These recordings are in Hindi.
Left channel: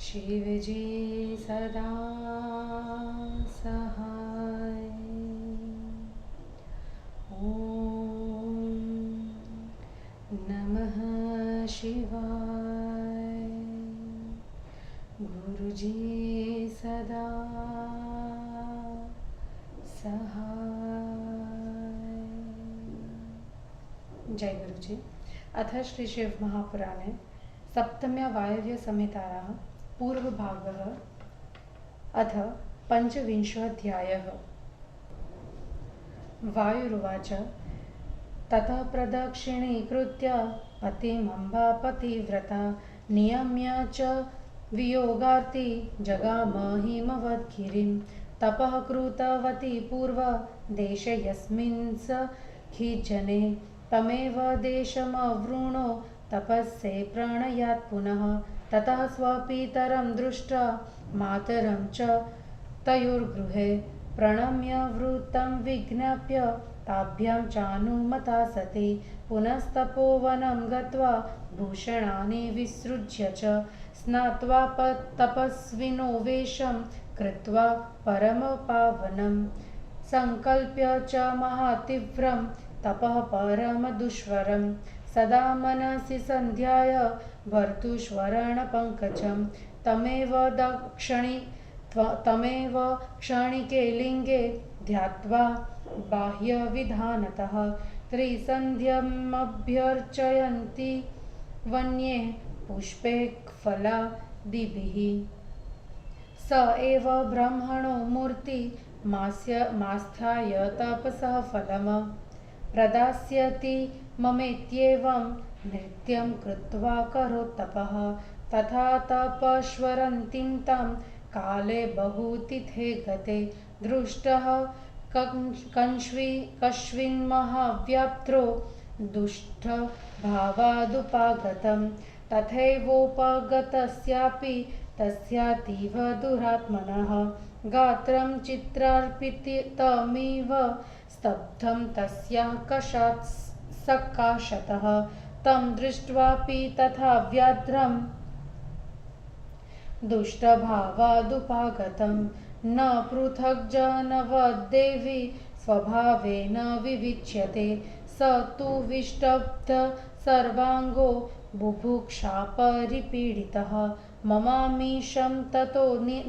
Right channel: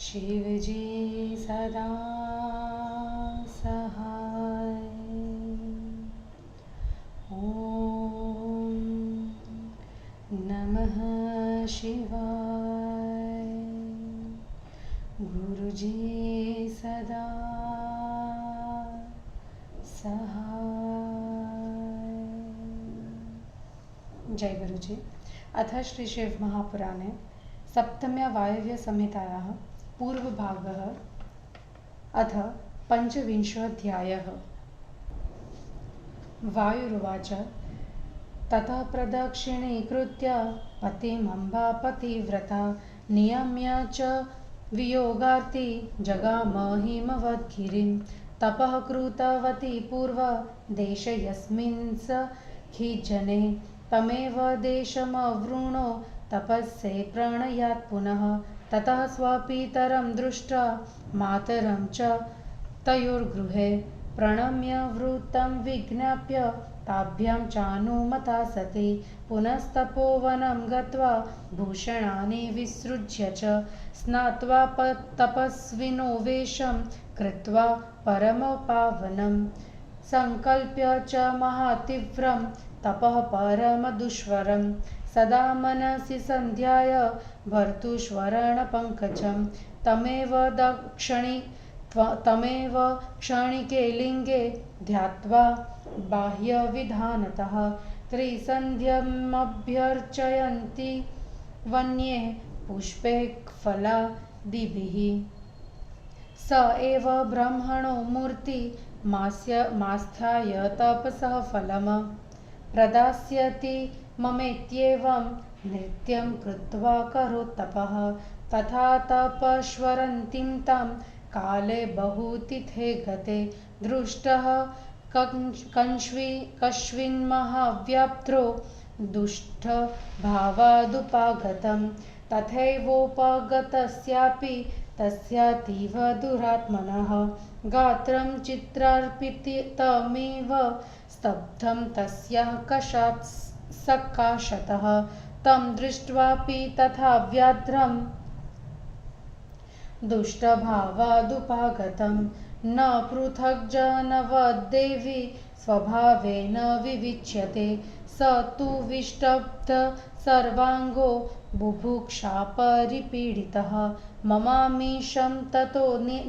शिवजी सदा सहाय। ॐ नमः शिवाय। गुरुजी सदा सहाय। जय गुरुजी। अथ श्री शिव महापुराणे सप्तम्या वायव्य संहितायाः पूर्वभागः अथ पञ्चविंशोऽध्यायः। वायुरुवाच ततः प्रदक्षिणीकृत्य पतिमम्बापतिव्रता नियम्य च वियोगार्ति जगाम हिमवद्गिरिं। तपः कृतवती पूर्वदेशे यस्मिन् स खिज्जने तमेव देशमवृणो तपस्ये प्रणयात् पुनः। ततः स्वपितरं दृष्ट्वा मातरं च तयोर्गृहे प्रणम्य वृत्तं विज्ञाप्य ताभ्यां चानुमता सती पुनस्तपोवनं गत्वा भूषणानि विसृज्य च स्नात्वा तपस्विनो वेषं कृत्वा परमपावनं संकल्प्य च महातीव्रं तपः परमदुष्वरं सदा मनसि सन्ध्याय भर्तुष्वरणपङ्कजं तमेव क्षणिके लिङ्गे ध्यात्वा बाह्यविधानतः त्रिसन्ध्यमभ्यर्चयन्ति वन्ये पुष्पे फलादिभिः। स एव ब्रह्मणो मूर्तिमास्थाय तपसः फलम् प्रदास्यति ममेत्येवं नित्यं कृत्वा करोत्तपः। तथा तपस्वरन्तीं तां काले बहुतिथे गते दृष्टः कश्चिन्महाव्याप्त्रो दुष्टभावादुपागतं तथैवोपगतस्यापि तस्यातीव दुरात्मनः गात्रं चित्रार्पितमिव स्तब्धं तस्याः कषात् सकाशतः तं दृष्ट्वापि तथा व्याघ्रं दुष्टभावादुपागतं न पृथग्जनवद्देवी स्वभावेन विविच्यते। स तु विष्टब्ध सर्वाङ्गो बुभुक्षापरिपीडितः ममामीशं ततो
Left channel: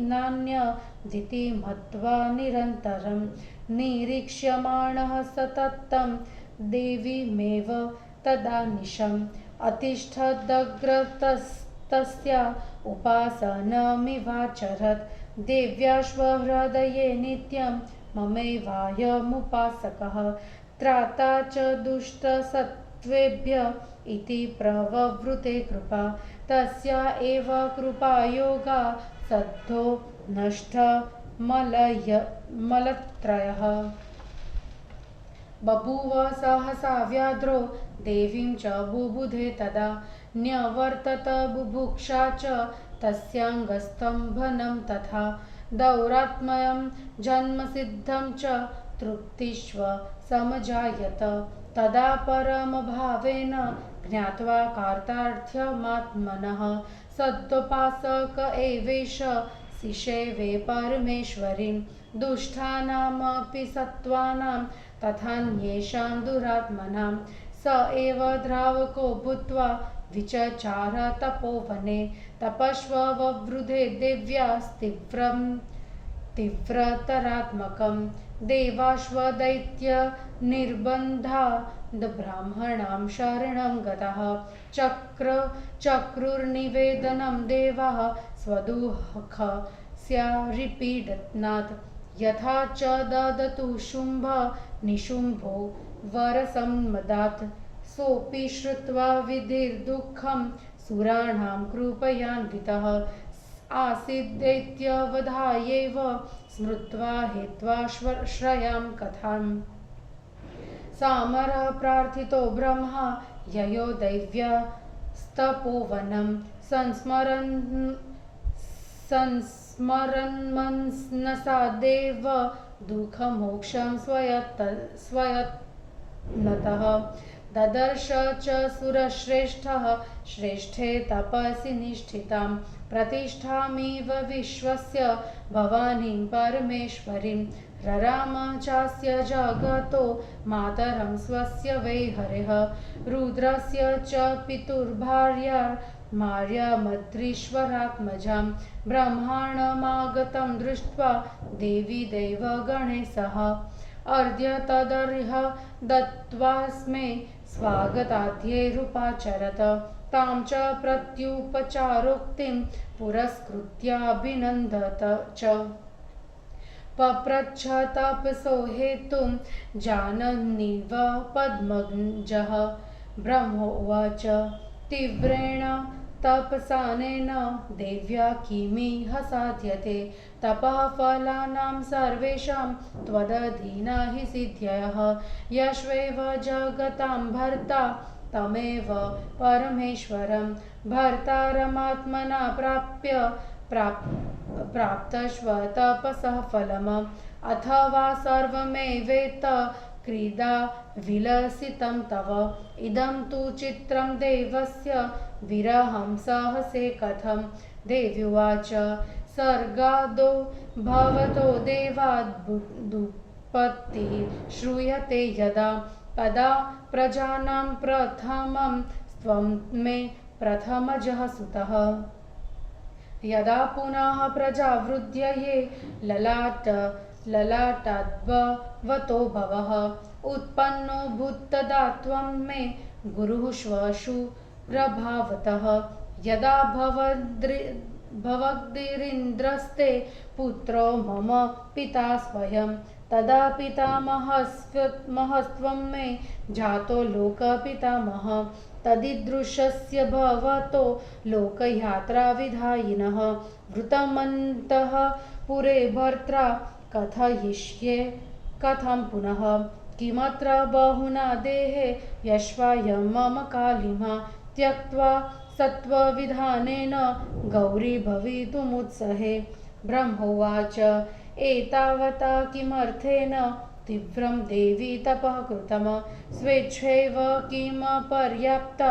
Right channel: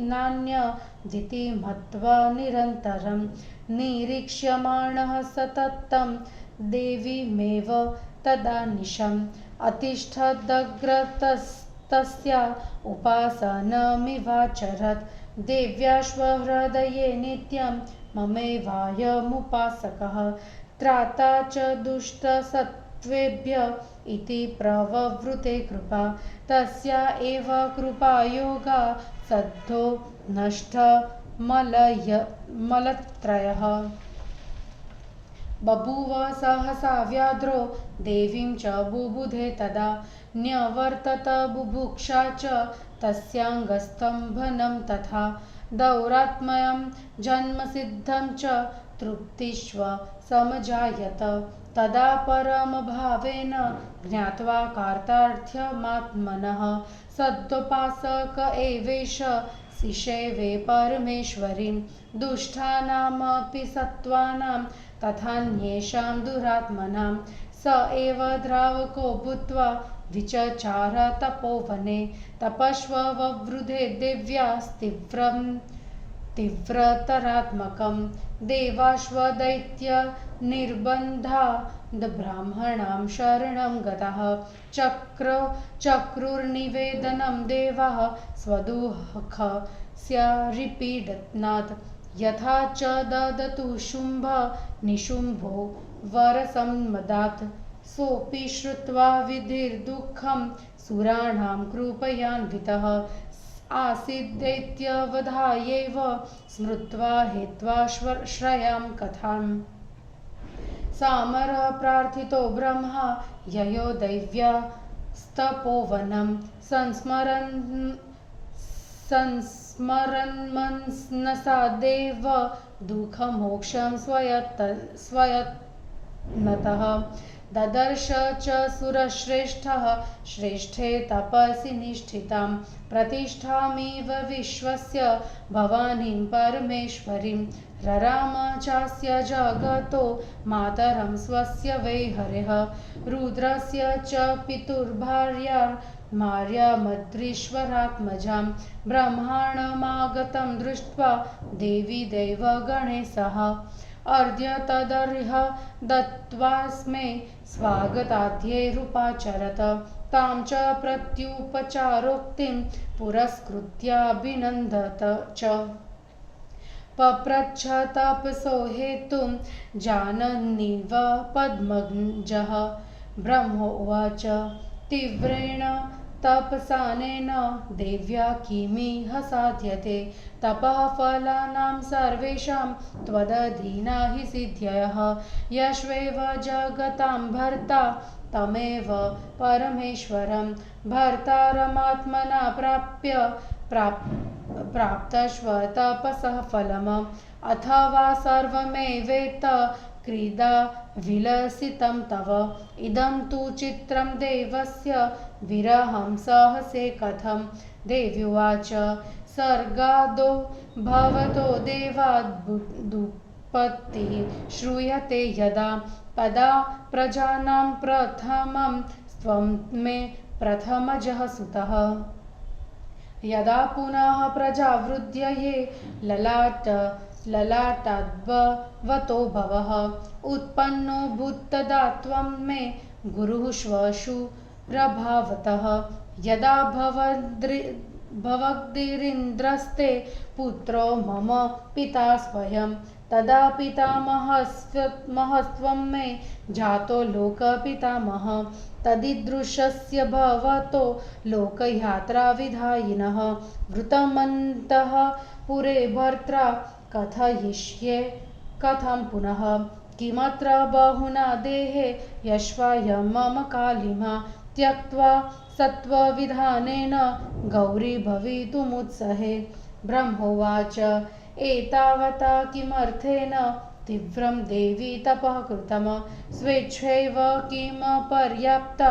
नान्यदिति मत्वा निरन्तरं निरीक्ष्यमाणः सततं देवीमेव तदानिशम् अतिष्ठदग्रतस्तस्या उपासनमिवाचरत् देव्याश्वहृदये नित्यं ममैवायमुपासकः त्राता च दुष्टसत्त्वेभ्य इति प्रववृते कृपा तस्या एव कृपायोगा सद्धो नष्टमलत्रयः। बभूव सहसा व्याघ्रो देवीं च बुबुधे तदा न्यवर्तत बुभुक्षा च तस्याङ्गस्तम्भनं तथा दौरात्म्यं जन्मसिद्धं च तृप्तिष्व समजायत। तदा परमभावेन ज्ञात्वा कार्तार्थ्यमात्मनः सदोपासक एवेश शिशेवे परमेश्वरीं दुष्टानामपि सत्त्वानां तथान्येषां दुरात्मनां स एव द्रावको भूत्वा विचचार तपोवने तपस्वववृधे देव्यास्तीव्रतरात्मकं देवाश्वदैत्यनिर्बन्धाद् ब्राह्मणां शरणं गतः चक्रुर्निवेदनं देवाः स्वदुःखस्यारिपीडनात् यथा च ददतु शुम्भ निशुम्भो वरसम्मदात् सोऽपि श्रुत्वा विधिर्दुःखं सुराणां कृपयान्वितः आसीद्दैत्यवधायैव स्मृत्वा हित्वा श्रयां कथाम् सामरः प्रार्थितो ब्रह्मा ययो दैव्यास्तपोवनं संस्मरन्मनसा देव दुःखमोक्षं स्वयत्नतः ददर्श च सुरश्रेष्ठः श्रेष्ठे तपसि निष्ठितां प्रतिष्ठामिव विश्वस्य भवानीं परमेश्वरीं रराम चास्य जगतो मातरं स्वस्य वै हरिः रुद्रस्य च पितुर्भार्या मार्यामद्रीश्वरात्मजां ब्रह्माणमागतं दृष्ट्वा देवी देवगणेशः अर्ध्य तदर्ह दत्त्वास्मै स्वागताद्यैरुपाचरत तां च प्रत्युपचारोक्तिं पुरस्कृत्याभिनन्दत च पप्रच्छ तपसो हेतुं जानन्निव पद्मजः ब्रह्मोवाच तीव्रेण तपसानेन देव्या किमिह साध्यते तपःफलानां सर्वेषां त्वदधीना हि सिद्ध्यः यश्वेव जगतां भर्ता तमेव परमेश्वरं भर्तारमात्मना प्राप्तश्व तपसः फलम् अथवा सर्वमेवेत क्रीडा विलसितं तव इदं तु चित्रं देवस्य विरहं सहसे कथं देव्युवाच सर्गादो भवतो देवादुत्पत्तिः श्रूयते यदा तदा प्रजानां प्रथमं त्वं मे प्रथमजः सुतः यदा पुनः प्रजावृद्धये ललाटाद्भवतो भवः उत्पन्नो भूत्तदा त्वं मे गुरुः श्वशु प्रभावतः यदा भवद्गिरीन्द्रस्ते पुत्रो मम पिता स्वयं तदा पितामहस्त्वं मे जातो लोकपितामहः तदीदृशस्य भवतो लोकयात्राविधायिनः वृतमन्तः पुरे भर्त्रा कथयिष्ये कथं पुनः किमत्र बहुना देहे यश्वायं मम कालिमा त्यक्त्वा सत्त्वविधानेन गौरी भवितुमुत्सहे ब्रह्मोवाच एतावता किमर्थेन तीव्रं देवी तपः कृतं स्वेच्छैव किं पर्याप्ता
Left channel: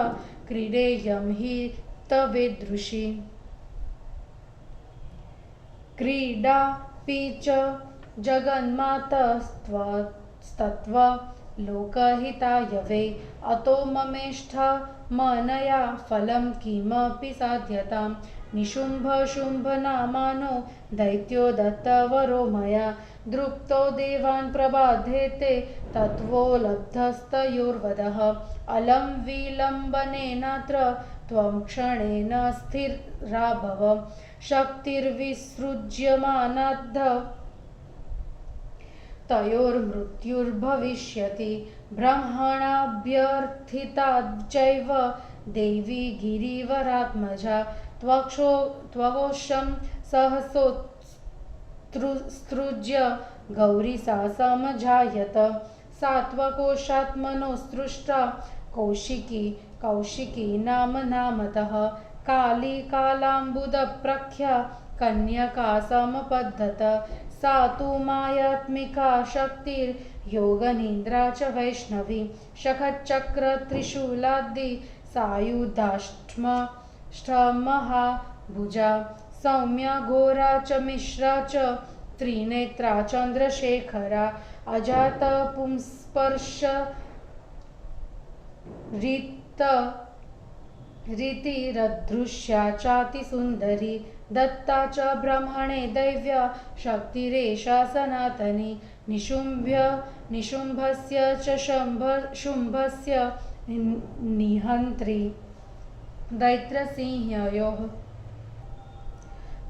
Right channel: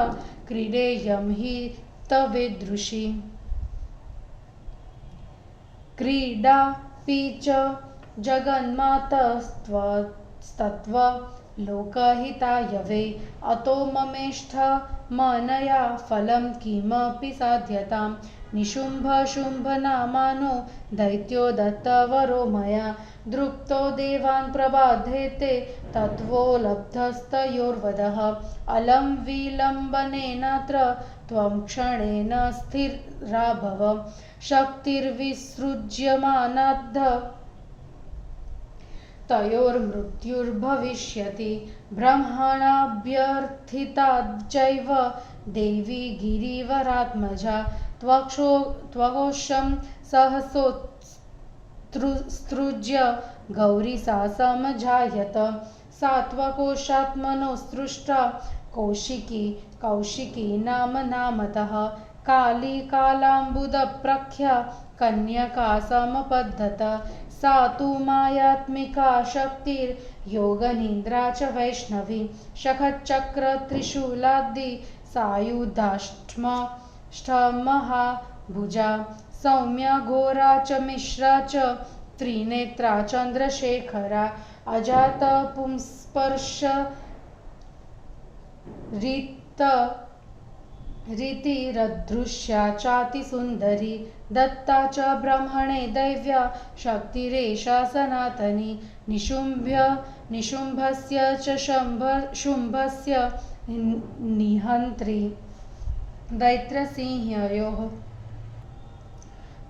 क्रीडेयं हि तवेदृशी क्रीडापि च जगन्मातस्तत्त्व लोकहिताय वै अतो ममेष्ठ मनया फलं किमपि साध्यतां निशुम्भशुम्भनामानो दैत्यो दत्तवरो मया दृप्तो देवान् प्रबाधेते तत्त्वो लब्धस्तयोर्वदः अलं विलम्बनेनात्र त्वं क्षणेन स्थिरा भव शक्तिर्विसृज्यमानाद्ध तयोर्मृत्युर्भविष्यति ब्रह्मणाभ्यर्थिताच्चैव देवी गिरिवरात्मजा त्वघोषं सहसोत्सृज्य गौरी सा समजायत सात्वकोशात्मनो सृष्टा कौशिकी नामतः काली कालाम्बुदप्रख्या कन्यका समपद्धत सा तु मायात्मिका शक्तिर्योगनिन्द्रा च वैष्णवी शखचक्रत्रिशूलादि सायुधाष्टमहाभुजा सौम्या घोरा च मिश्रा च त्रिनेत्रा चन्द्रशेखरा अजातपुंस्पर्श रीतिरदृश्या चातिसुन्दरी दत्ता च ब्रह्मणे दैव्या शक्तिरेषा सनातनी निशुम्भस्य च शुम्भस्य निहन्त्री दैत्यसिंहयोः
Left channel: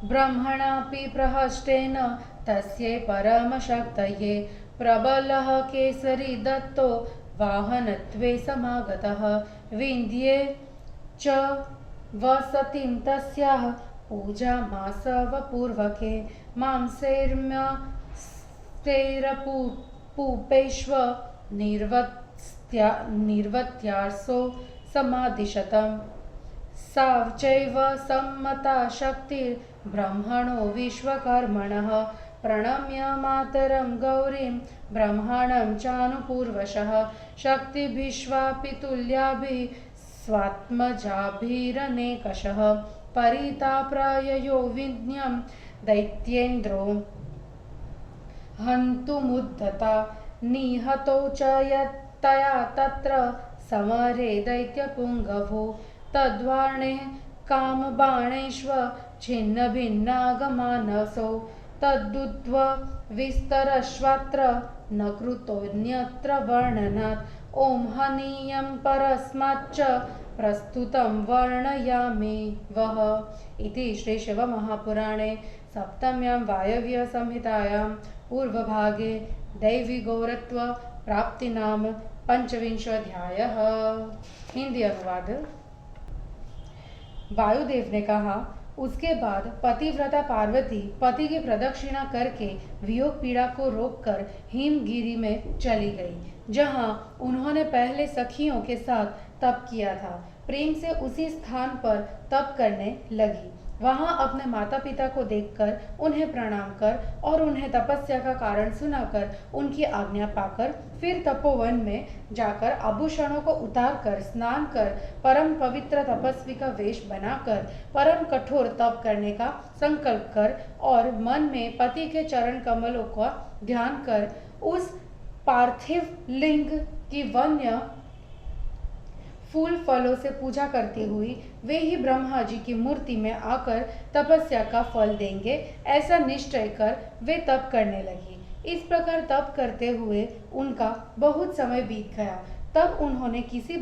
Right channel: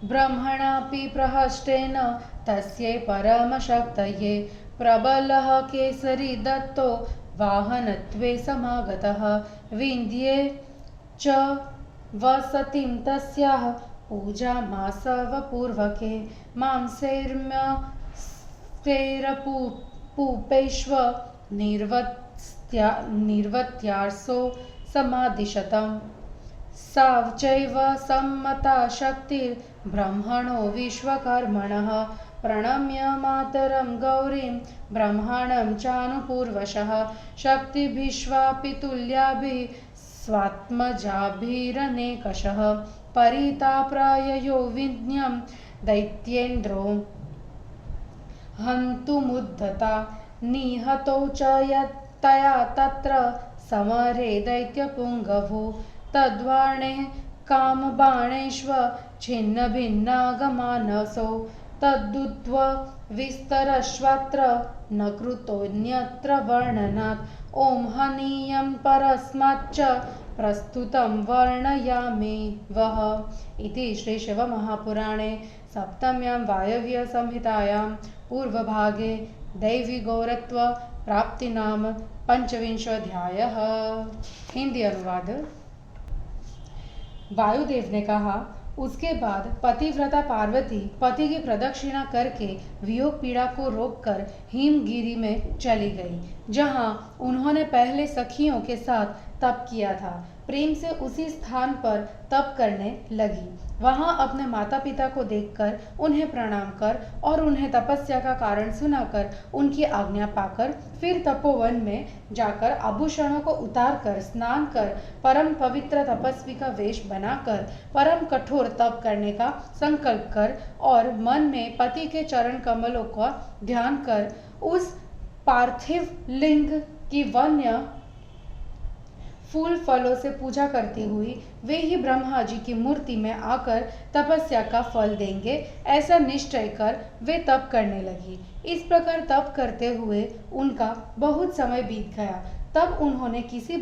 ब्रह्मणापि प्रहष्टेन तस्यै परमशक्तये प्रबलः केसरी दत्तो वाहनत्वे समागतः विन्ध्ये च वसतिं तस्याः पूजामासवपूर्वके मांसैर्म्यस्तैरपूपेष्व निर्वत्यार्सो समादिशतम् सा चैव सम्मता शक्तिर्ब्रह्मणो विश्वकर्मणः प्रणम्य मातरं गौरीं ब्रह्माणं चानुपूर्वशः शक्तिभिश्वापि तुल्याभिः स्वात्मजाभिरनेकशः परिताप्राययो विज्ञं दैत्येन्द्रो हन्तुमुद्धता निहतो च यत्तया तत्र समरे दैत्यपुङ्गवो तद्वाणे कामबाणैश्व छिन्नभिन्नागमानसो तद्दुत्व विस्तरश्वत्र न कृतोऽन्यत्र वर्णनात् ॐ हनीयं परस्माच्च प्रस्तुतं वर्णयामि वः इति श्रीशिवमहापुराणे सप्तम्यां वायव्यसंहितायां पूर्वभागे दैवीगौरत्व प्राप्ति नाम पंचविंशोऽध्यायः। हिंदी अनुवाद। वायुदेव ने कहा, उसके बाद पतिव्रता पार्वती पति की प्रदक्षिणा करके वियोग पीड़ा को रोककर हिमगिरी में चली गई, जहां उन्होंने पहले सखियों के साथ तप किया था। प्रेम से उसी स्थान पर तप करने लगी। वहां अपने माता पिता को देखकर उन्हें प्रणाम कर और उन्हें तपस्या का कारण सुनाकर उनकी आज्ञा पाकर फिर तपोवन में जाकर आभूषणों को उतारकर स्नान कर परम पवित्र तपस्वी का वेश बनाकर परम कठोर तप करने का संकल्प कर और मन में पति के चरण कमलों का ध्यान कर उस पार्थिव लिंग की वन्य फूल फलों से पूजा करती हुई वे ही ब्रह्मा जी की मूर्ति में आकर तपस्या का फल देंगे, ऐसा निश्चय कर वे तप करने लगी। इस प्रकार तप करते हुए उनका बहुत समय बीत गया। तब उन्होंने किसी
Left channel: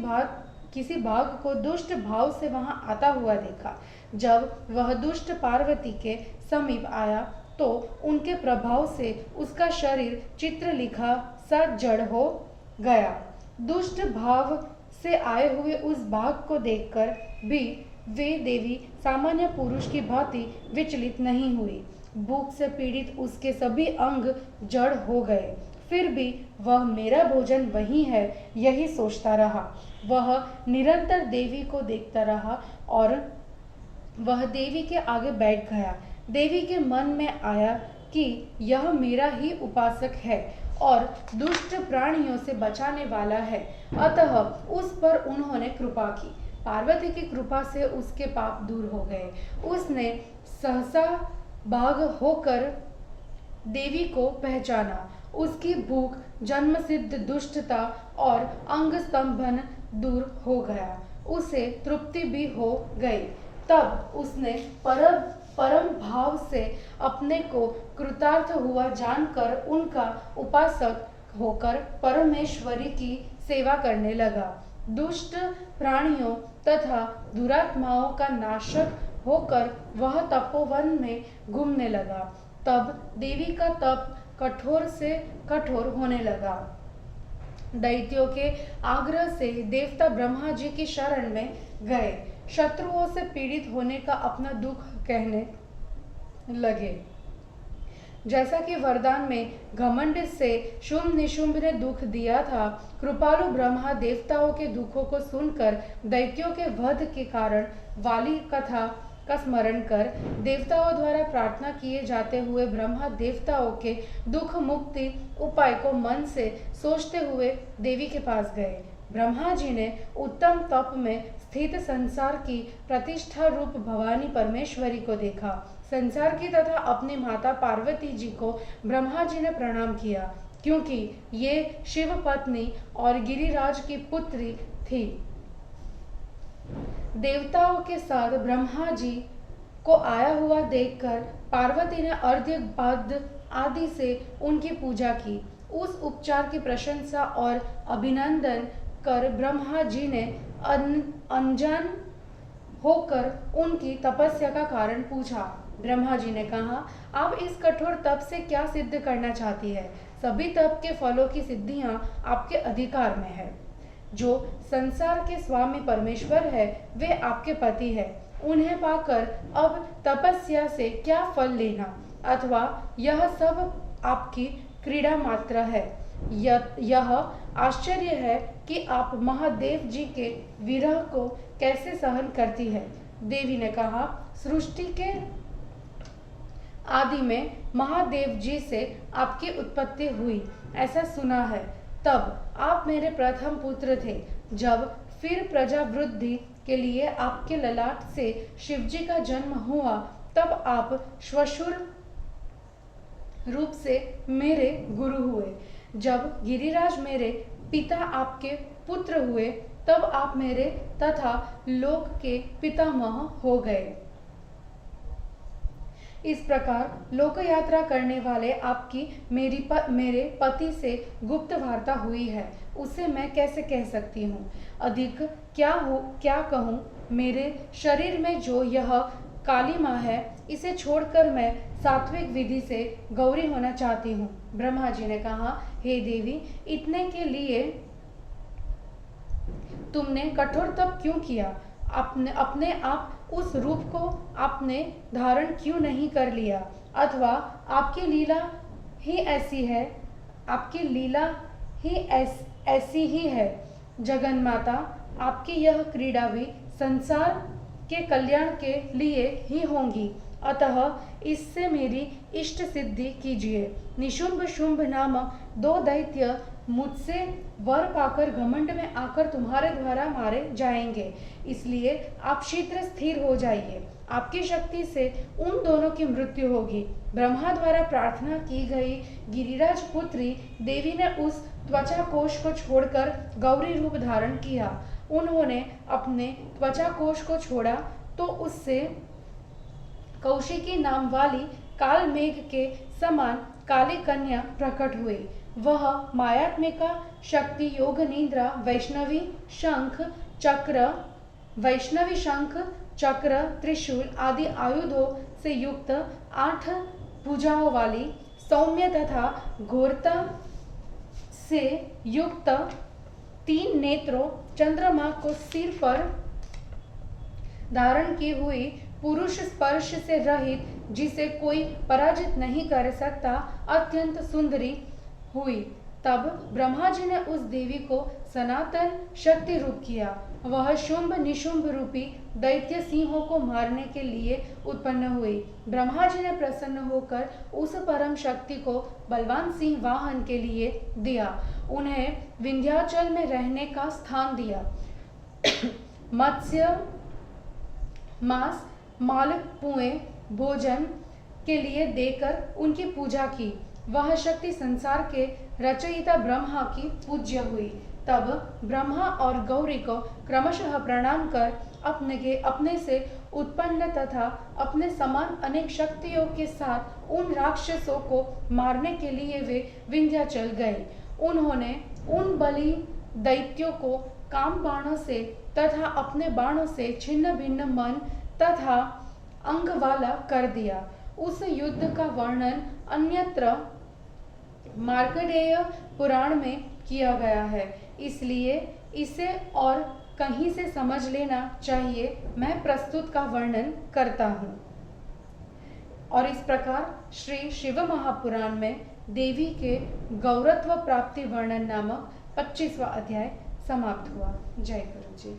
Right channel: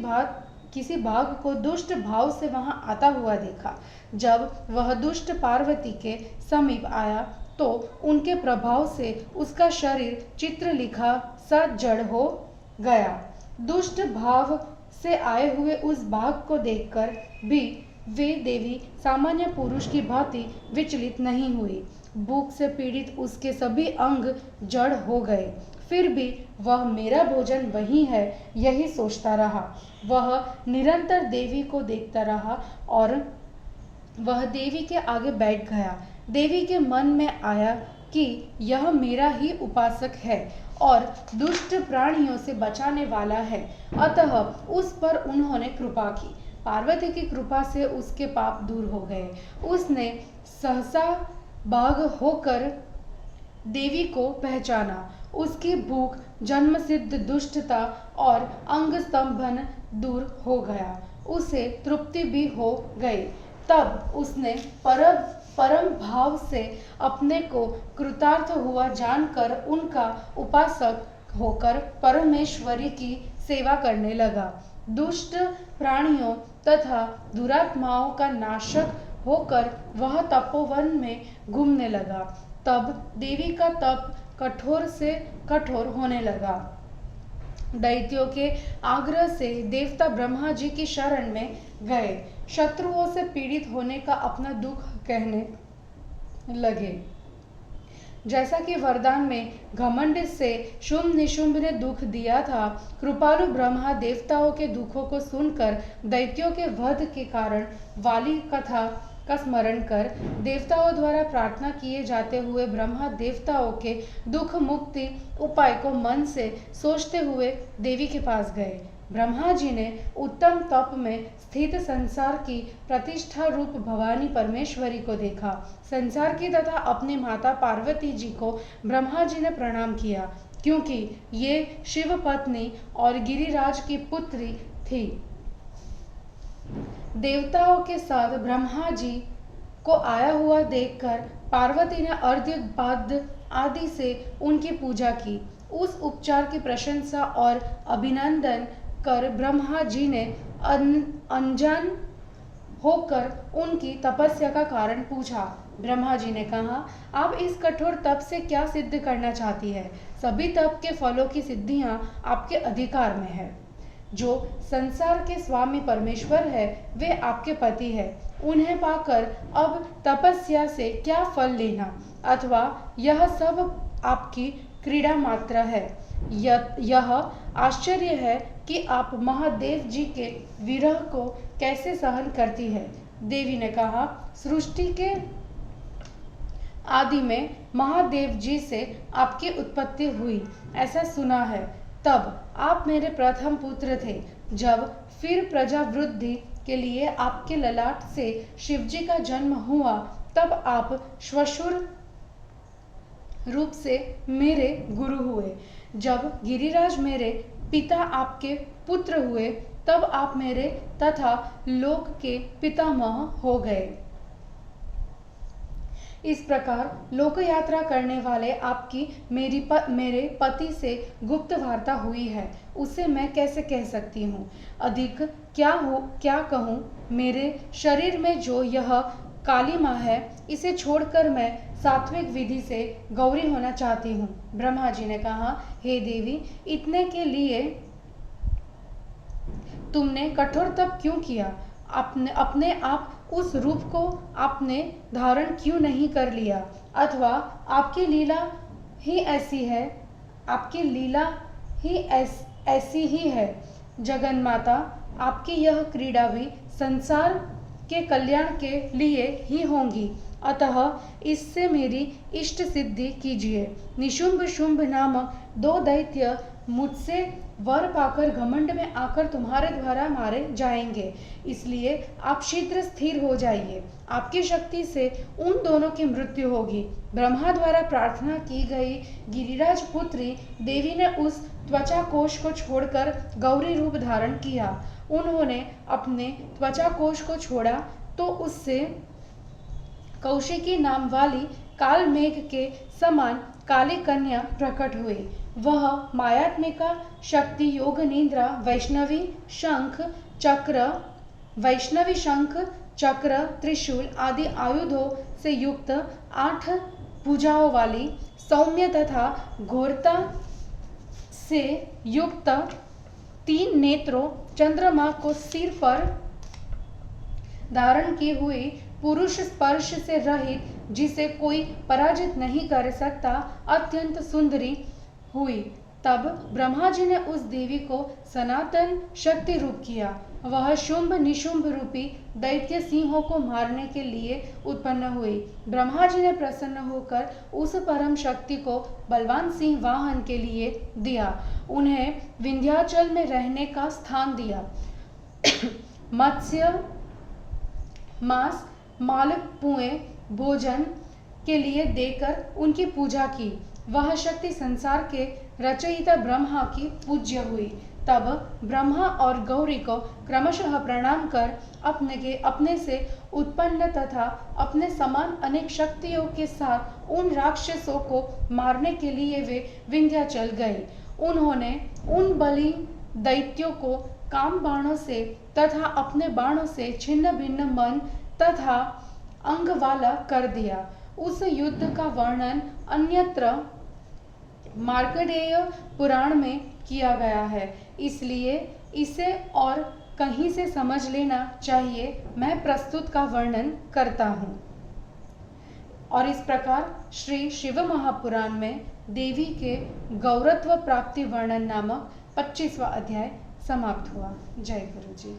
बाघ को दुष्ट भाव से वहां आता हुआ देखा। जब वह दुष्ट पार्वती के समीप आया तो उनके प्रभाव से उसका शरीर चित्रलिखा सा जड़ हो गया। दुष्ट भाव से आए हुए उस बाघ को देखकर भी वे देवी सामान्य पुरुष की भांति विचलित नहीं हुई। भूख से पीड़ित उसके सभी अंग जड़ हो गए, फिर भी वह मेरा भोजन वही है यही सोचता रहा। वह निरंतर देवी को देखता रहा और वह देवी के आगे बैठ गया। देवी के मन में आया कि यह मेरा ही उपासक है और दुष्ट प्राणियों से बचाने वाला है, अतः उस पर उन्होंने कृपा की। पार्वती की कृपा से उसके पाप दूर हो गए। उसने सहसा बाघ होकर देवी को पहचाना। उसकी भूख, जन्म सिद्ध दुष्टता और अंग स्तंभन दूर हो गया। उसे तृप्ति भी हो गई। तब उसने परम भाव से अपने को कृतार्थ हुआ जानकर उनका उपासक होकर परमेश्वरी की सेवा करने लगा। दुष्ट प्राणियों तथा दुरात्माओं का नाशक होकर वह तपोवन में घूमने लगा। तब देवी का तप कठोर से कठोर होने लगा। दैत्यों के आग्रह से देवता ब्रह्मा जी की शरण में गए। शत्रुओं से पीड़ित होने का अपना दुख कहने लगे। जैसा कि वरदान में घमंड से शुंभ निशुंभ ने दुख दिया था, कृपालु ब्रह्मा देवताओं के दुखों को सुनकर दैत्यों के वध के कारण वाली कथा का स्मरण कर देवताओं द्वारा प्रार्थना किए जाते हुए ब्रह्मा देवताओं के दुख मुक्ति उपाय को मन से सोचते हुए देवी के पास गए। ब्रह्मा जी ने उत्तम तप में स्थित संसार की प्रतिष्ठा रूप भवानी परमेश्वरी को देखा। संसार की तथा अपनी माता पार्वती जी को ब्रह्मा जी ने प्रणाम किया, क्योंकि ये शिव पत्नी और गिरिराज की पुत्री थी। देवताओं के साथ ब्रह्मा जी को आया हुआ देखकर पार्वती ने अर्घ्य पाद्य आदि से उनकी पूजा की। उस उपचार की प्रशंसा और अभिनंदन कर ब्रह्मा जी ने अनजान होकर उनकी तपस्या का कारण पूछा। ब्रह्मा जी ने कहा, आप इस कठोर तप से क्या सिद्ध करना चाहती है? सभी तप के फलों की सिद्धियां आपके अधिकार में है। जो संसार के स्वामी परमेश्वर है वे आपके पति है। उन्हें पाकर अब तपस्या से क्या फल लेना, अथवा यह सब आपकी क्रीड़ा मात्र है। यह आश्चर्य है कि आप महादेव जी के विरह को कैसे सहन करती है। देवी ने कहा, सृष्टि के आदि में महादेव जी से आपकी उत्पत्ति हुई ऐसा सुना है। तब आप मेरे प्रथम पुत्र थे। जब फिर प्रजा वृद्धि के लिए आपके ललाट से शिवजी का जन्म हुआ, तब आप श्वशुर रूप से मेरे गुरु हुए। जब गिरिराज मेरे पिता आपके पुत्र हुए, तब आप मेरे तथा लोक के पितामह हो गए। इस प्रकार लोक यात्रा करने वाले आपकी मेरे पति से गुप्त वार्ता हुई है, उसे मैं कैसे कह सकती हूँ। अधिक क्या कहूँ। मेरे शरीर में जो यह कालिमा है, इसे छोड़कर मैं सात्विक विधि से गौरी होना चाहती हूँ। ब्रह्मा जी ने कहा, हे देवी, इतने के लिए तुमने कठोर तप क्यों किया? अपने आप उस रूप को आपने धारण क्यों नहीं कर लिया? अथवा आपकी लीला ही ऐसी है, आपकी लीला ही ऐसी ही है। जगन्माता, आपकी यह क्रीड़ा भी संसार के कल्याण के लिए ही होंगी, अतः इससे मेरी इष्ट सिद्धि कीजिए। निशुंभ शुंभ नामक 2 दैत्य मुझसे वर पाकर घमंड में आकर तुम्हारे द्वारा मारे जाएंगे, इसलिए आप शीघ्र स्थिर हो जाइए। आपकी शक्ति से उन दोनों की मृत्यु होगी। ब्रह्मा द्वारा प्रार्थना की गई गिरिराज पुत्री देवी ने उस त्वचा कोश को छोड़कर गौरी रूप धारण किया। उन्होंने अपने त्वचा कोश को छोड़ा तो उससे कौशिकी नाम वाली काल मेघ के समान काली कन्या प्रकट हुई। वह मायात्मिका शक्ति योग निद्रा वैष्णवी शंख चक्र त्रिशूल आदि आयुधों से युक्त 8 भुजाओं वाली सौम्य तथा घोरता से युक्त 3 नेत्रों चंद्रमा को सिर पर धारण की हुई पुरुष स्पर्श से रहित, जिसे कोई पराजित नहीं कर सकता, अत्यंत सुंदरी हुई। तब ब्रह्मा जी ने उस देवी को सनातन शक्ति रूप किया। वह शुंभ निशुंभ रूपी दैत्य सिंहों को मारने के लिए उत्पन्न हुई। ब्रह्मा जी ने प्रसन्न होकर उस परम शक्ति को बलवान सिंह वाहन के लिए दिया। उन्हें विंध्याचल में रहने का स्थान दिया। मत्स्य मांस मालपुए भोजन के लिए देकर उनकी पूजा की। वह शक्ति संसार के रचयिता ब्रह्मा की पूज्य हुई। तब ब्रह्मा और गौरी को क्रमशः प्रणाम कर अपने से उत्पन्न तथा अपने समान अनेक शक्तियों के साथ उन राक्षसों को मारने के लिए वे विंध्याचल गए। उन्होंने उन बलि दैत्यों को काम बाणों से तथा अपने बाणों से छिन्न भिन्न मन तथा अंग वाला कर दिया। उस युद्ध का वर्णन अन्यत्र मार्कंडेय पुराण में किया गया है, इसलिए इसे और कहीं से समझ लेना चाहिए। मैं प्रस्तुत का वर्णन करता हूँ। और इस प्रकार श्री शिव महापुराण में देवी के गौरत्व प्राप्ति वर्णन नामक 25वां अध्याय समाप्त हुआ। जय गुरु जी।